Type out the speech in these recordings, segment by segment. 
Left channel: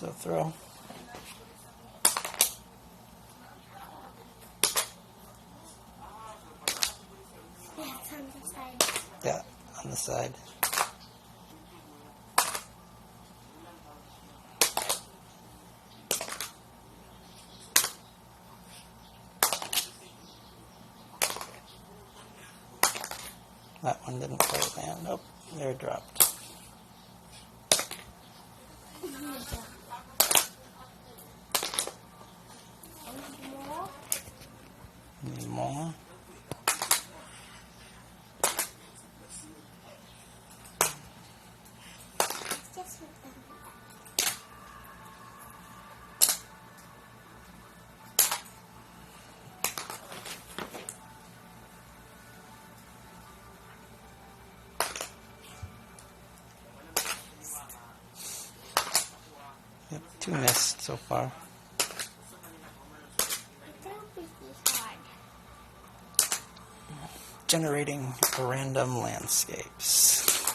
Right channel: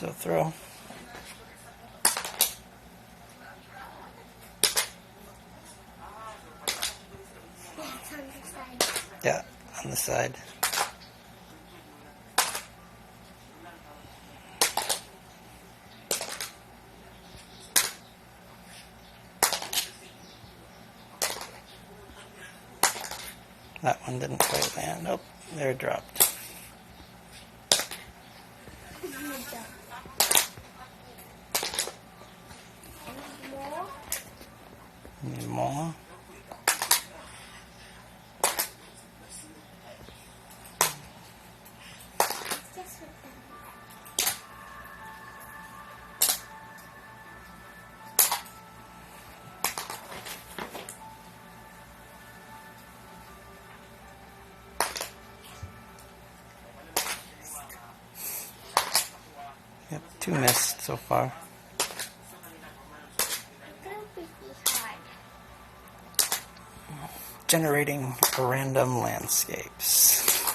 So throw. Yeah, on the side. That one didn't quite land. Oh, there it dropped. Need more? Yep, 2 missed so far. Generating random landscapes.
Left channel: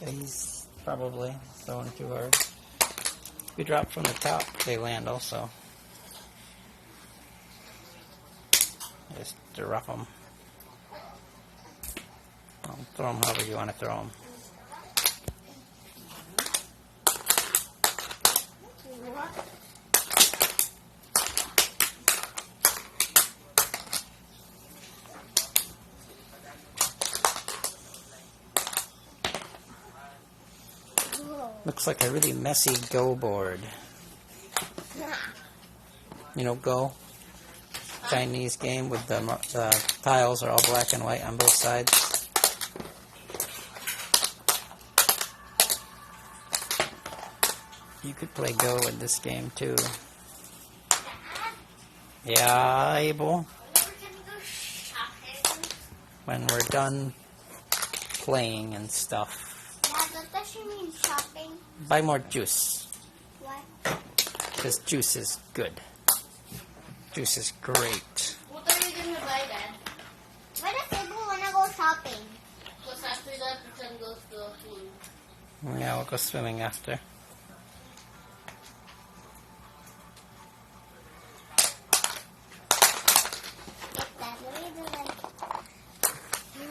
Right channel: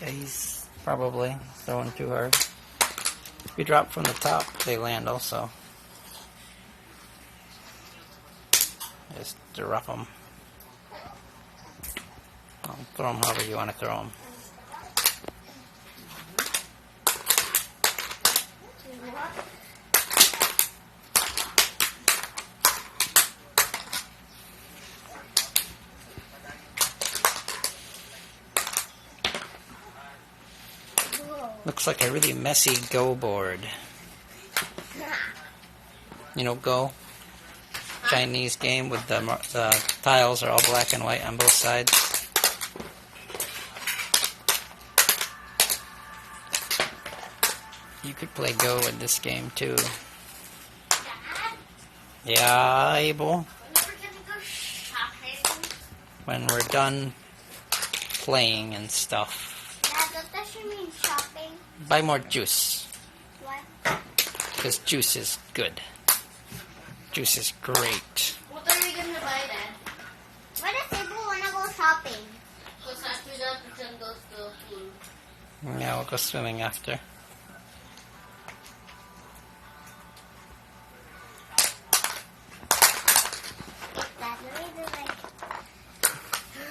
Yeah, he's probably throwing too hard. If you drop from the top, they land also. Just drop them. Throw them however you want to throw them. Looks like a really messy Go board. You know Go? Chinese game with the tiles are all black and white on both sides. You could play Go with this game too. Yeah, Abel. When we're done playing and stuff. Does she mean shopping? Buy more juice. What? Because juice is good. Juice is great. What are we going to buy then? What if people want to go shopping? Because after that, we can go to the pool. Yeah, we'll go swimming after.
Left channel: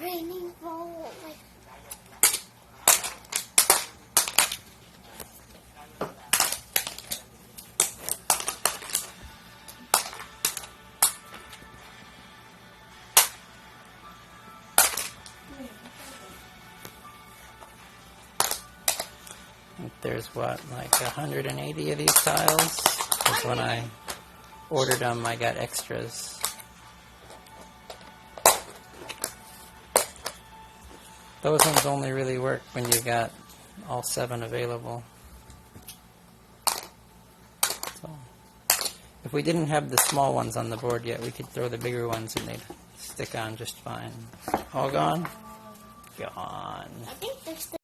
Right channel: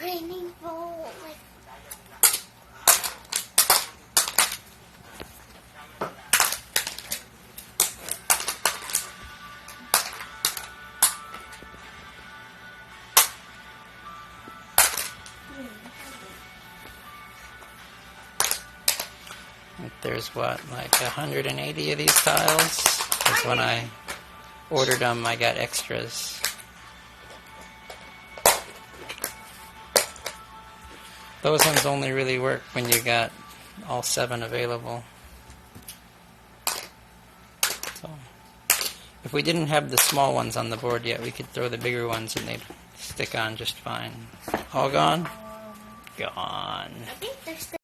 Raining ball. There's what, like 180 of these tiles? Because when I ordered them, I got extras. Those ones only really work when you got all 7 available. So, if we didn't have the small ones on the board yet, we could throw the bigger ones and they'd stick on just fine. All gone? Gone. I think there's